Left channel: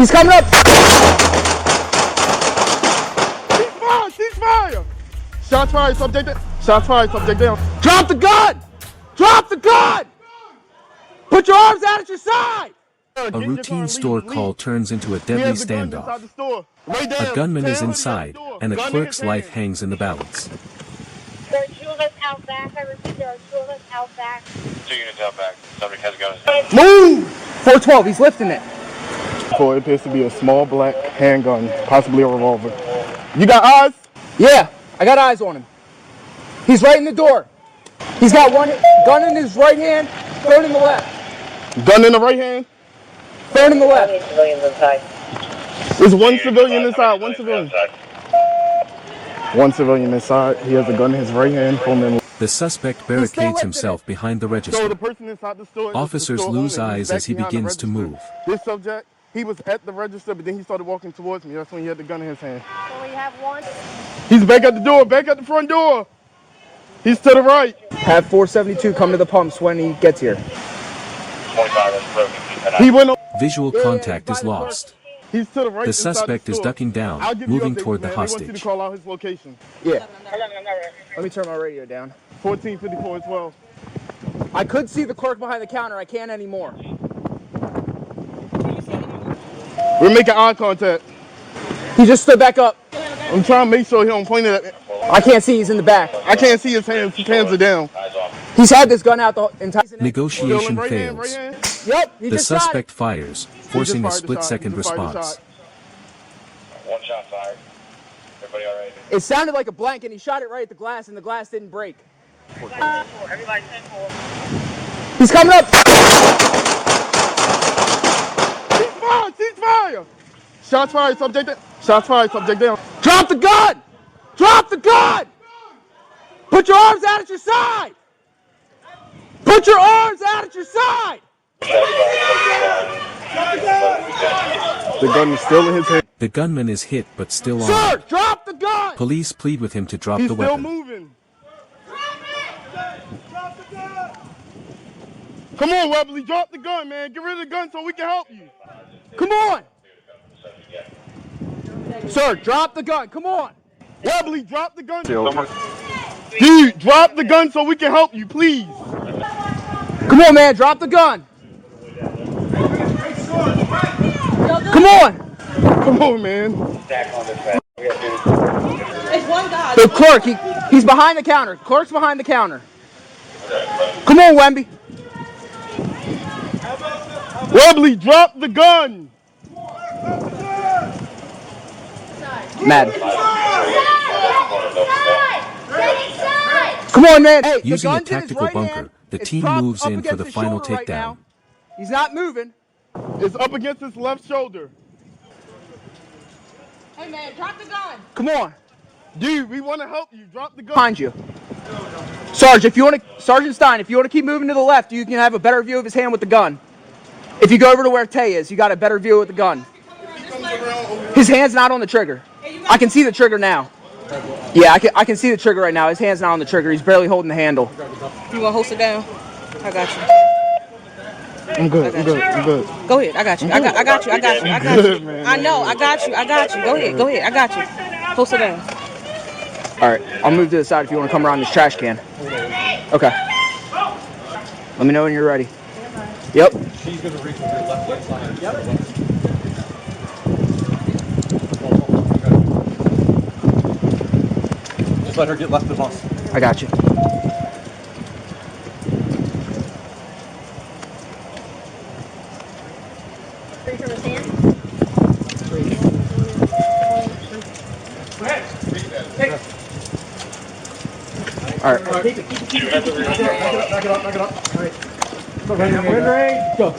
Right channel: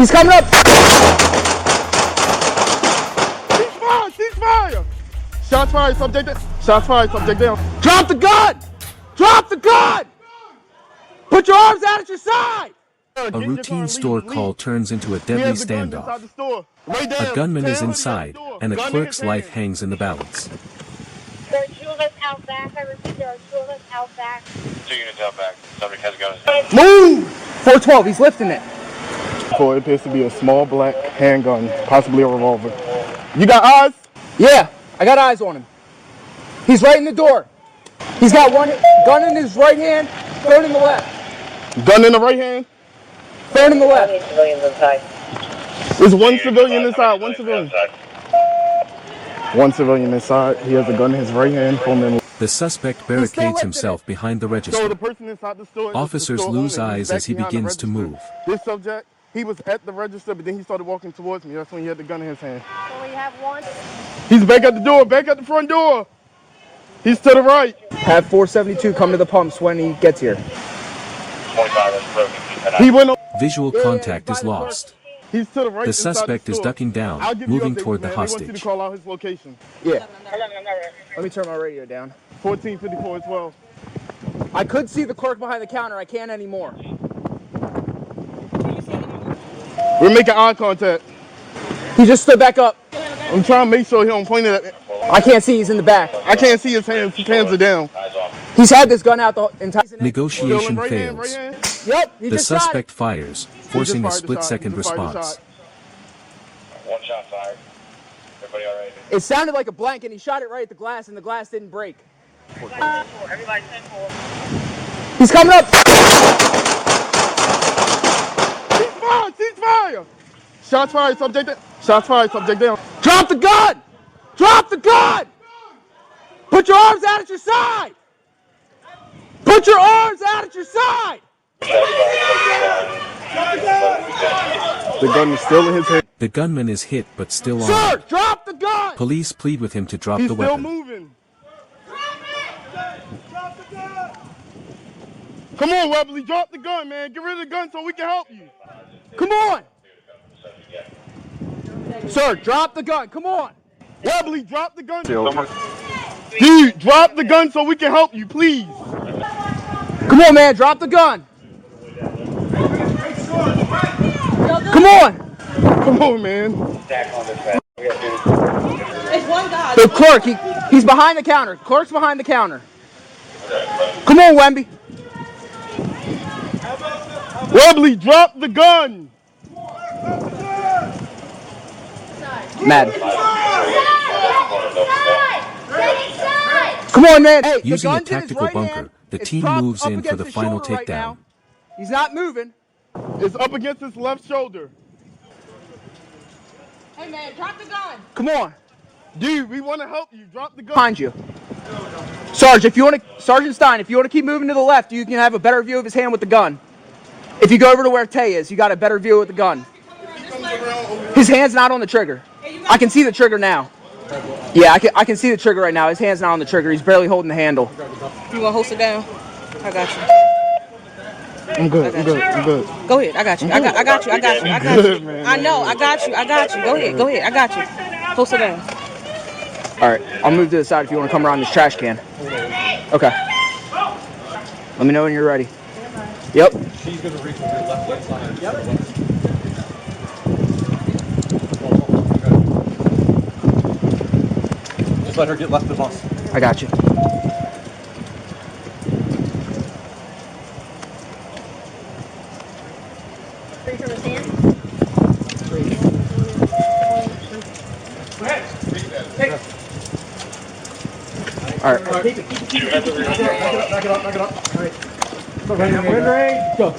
He's coming up! Cease fire! Shots fired, come take down. Shots fired, come take down. Drop the gun! Drop the gun! Put your arms out at your side! A routine store call turns into a deadly standoff. A gunman is inside, and the clerk's life hangs in the balance. There are 2 of us out back. I repeat, there are 2 of us out back. 2 units out back. Somebody has a gun in his hand. Move! 412, he's lifting it. It appears to be a small black handgun, possibly a revolver. You got eyes? Yeah, I got eyes on him. He's right in the door. He's got one gun in his right hand, third in the left. Gun in the right hand? Third in the left. Civilians inside. There's one civilian inside, one civilian. One civilian inside. He has a gun in his right hand. The suspect barricades himself behind the register. So the person inside the store, Officers lose eyes as he begins to move. This subject, he was at the register, but then he started walking towards me. That's when he had the gun in his hand. So we have 1. He's back at the door, back at the front door. He's to the right. Have 472 come to the pumps when he gets here. Visual contact is lost. The suspect is ducking down, moving toward the hostage. Call out his location. Yeah. Let me turn my radio down. 1454 as well. I could see the clerk behind the counter. I can't anymore. We're making eye contact. He just stood back up. I'm trying to make sure he don't point it at me. I can't see. He's in the back. I can't see his hands. His hands are down. He's had this gun out the entire... Negotiation Right hand, fails. right hand. Yep, he The just shot it. suspect fires, forcing a fired the split-second shot. He just fired the response. One shot fired. Everybody all right? It sounded like a blank, and he shot it right at the glass, and the glass didn't break. Everybody 10-4. He's coming up! Cease fire! Shots fired, subject down. Shots fired, subject down. Drop the gun! Drop the gun! Put your arms out at your side! Put your arms out at your side! The gun is still in his hand. The gunman is hit but still Sir, armed. drop the gun! Police plead with him to drop He's the still weapon. moving. Come on, Wembley, drop the gun, man. Get rid of the gun so we can help you. Come on! Say, drop the gun, come on! Wembley, drop the gun. Dude, drop the gun so we can help you, please. Come on, man, drop the gun! Come on! Come on, man. The clerk, he's behind the counter. Clerk's behind the counter. Come on, Wemby. Wembley, drop the gun! Madden. Come on, man. Hey, Using the a gun's in his tactical right bunker, hand. the It's team propped moves up in for against the his final shoulder right takedown. now. He's not moving. It's up against his left shoulder. Hey, man, drop the gun. Come on. Dude, we want to help you. Drop the gun. Behind you. Sarge, if you want to, Sergeant Stein, if you want to keep moving to the left, you can have a better view of his hand with the gun. If you go over to where Tay is, you got a better view with the gun. His hand's not on the trigger. I can see the trigger now. Yeah, I can see the trigger right now. His hand's not on the trigger. He's barely holding the handle. You want to hold it down? I got you. I'm good. I'm good. I'm good. Go ahead. I got you. I got you. I got you. I got you. Good, man. I know. I got you. I got you. Go ahead. Go ahead. I got you. Hold it down. All right, I'll move to the side if you want to come around this trash can. Okay. Let me know when you're ready. Yep. Just let her get left the bus. I got you. All right. Back it up. All right. Go.